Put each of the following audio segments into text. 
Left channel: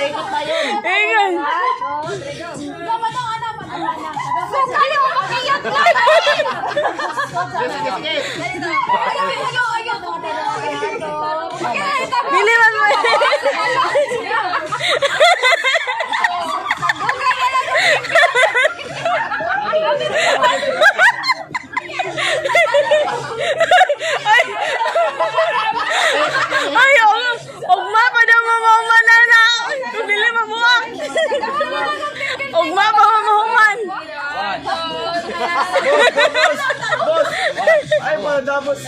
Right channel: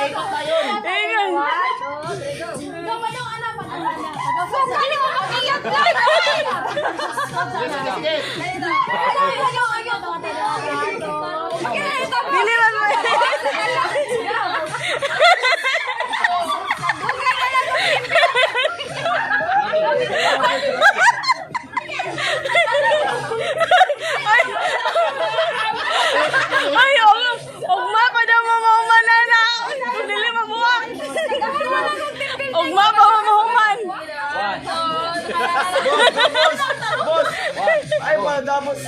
Ikot na yun. Ingon. Biliwan mo. Ay, ugma pa daw mamuhuman na. Dili mabuwak. Ugma pa mamuhuman. Boss! Ay, madamos!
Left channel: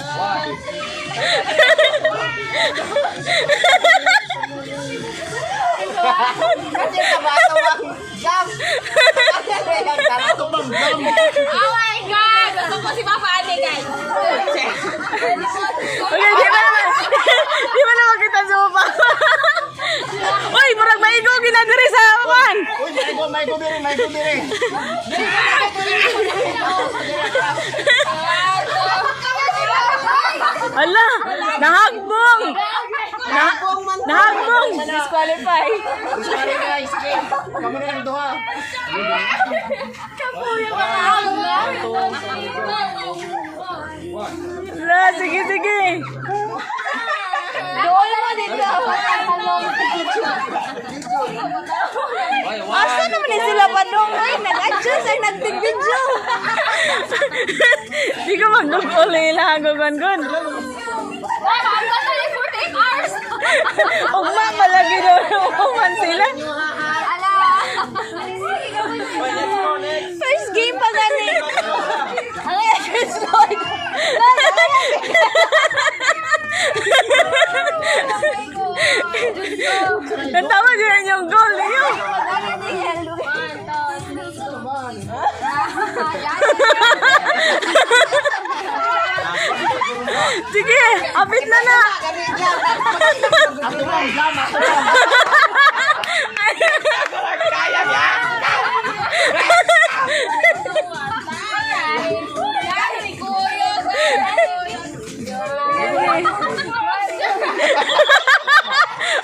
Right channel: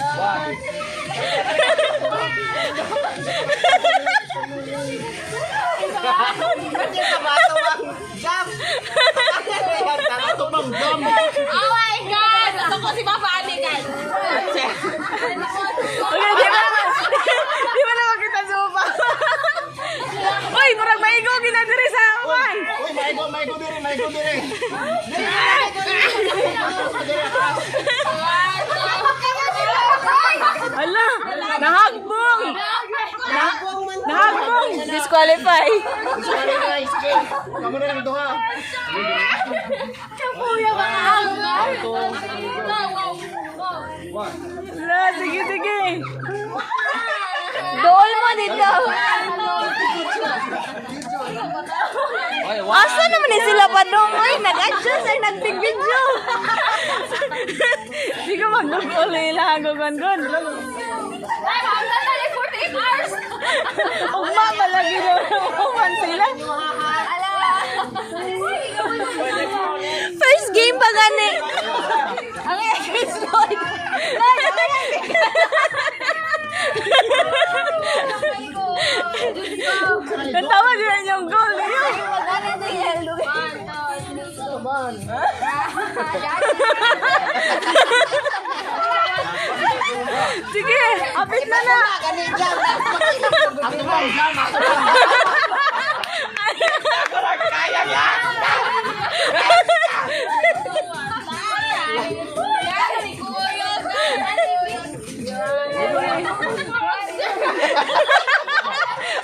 Kasi tawa-tawang jam! Ito bang jam? Oh my God! Gusto ko si Papa Ate, guys. Okay, di ba naman kita supa? Uy, murag maigo ginadiri sa awan. Uy, maigo diri! Ala, nahagbong. Nahagbong. Disqualify. Sorry guys, sige. Kamu na lang duha. Ala, sige. Doon mo dito. Asa naman ni sila pa doon? Ay, nag-adjust ay nag-video. Di ka mag-uli lang gun. Ugma palagi doon. Uman sila. First game pa gani. Ang first Lord. Natawa din yung goal niyo. Sige, apit na. Ako lang jam, Kaya niya!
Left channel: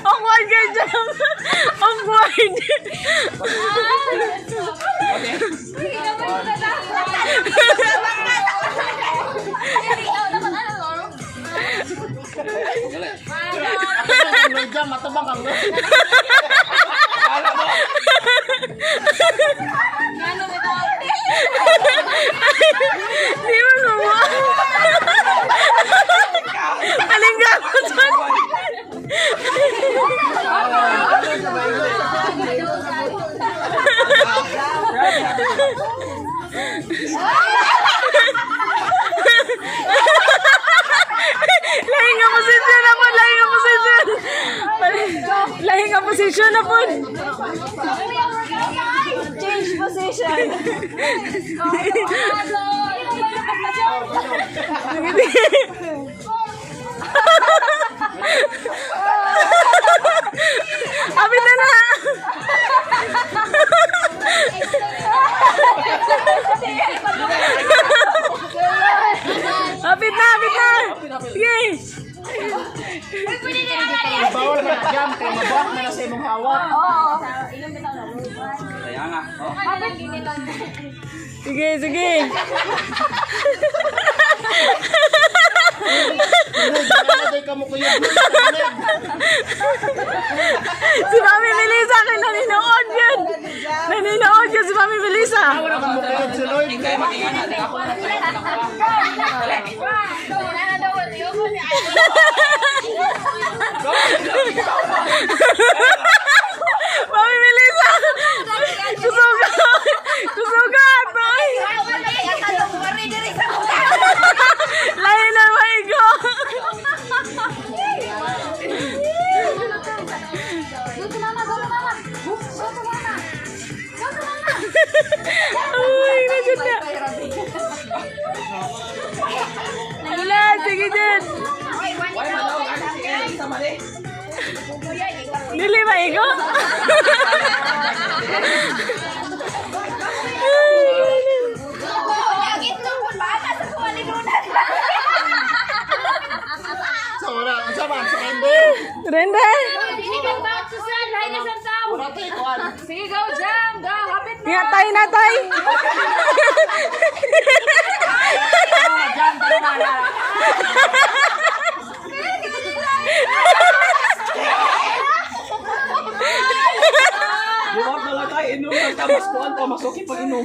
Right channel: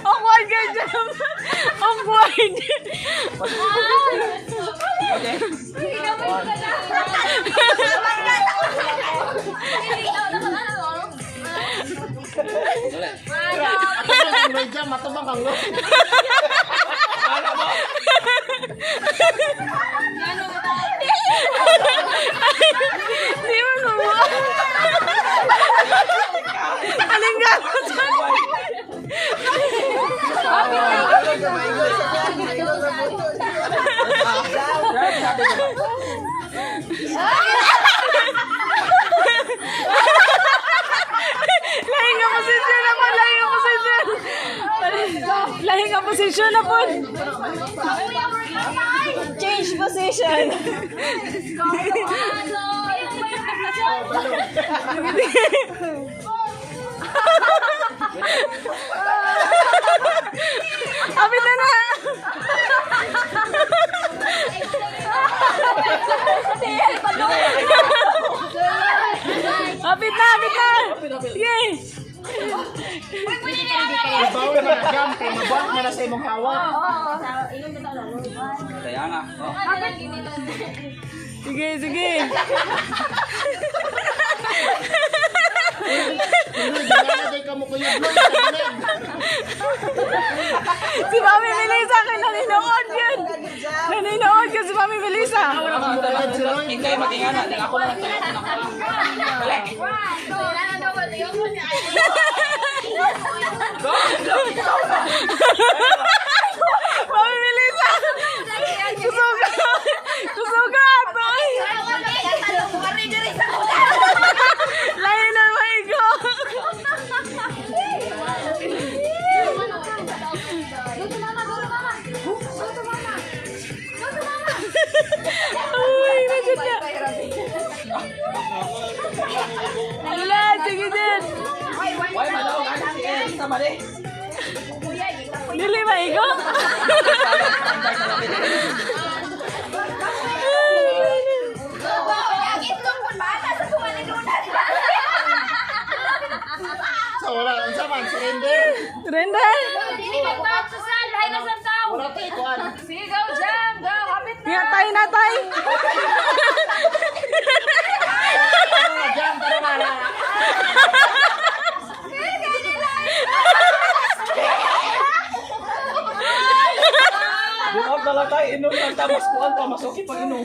Awkward ka dyan. Awkward. May jam, matabang kang no? Di mo gumawa. Aling gawin dyan? Lahing ang posisyon na po. Lahing ang posisyon na po. Change position. Apit na. Apit na. Sige. Bawal man na jam, kaya mabuak man na sa imong hawak. Sige. Hindi ka mo kuya. Si Mami Melissa akin naninood yun. Naninood yun si Mami Melissa. Wala ka mo kuya, si Lloyd. Mami Melissa. Kusugat. Lain na maigo. Uy, nagod na. Wala, sige din. Dili maigo. Render. Wala tayo kuhan. Sige, go, Jam. Go, hapit na. Natay, natay. Jam, tara na. Bukas na lang tayo, inom ng tamas po ang tamas. Okay pag inom.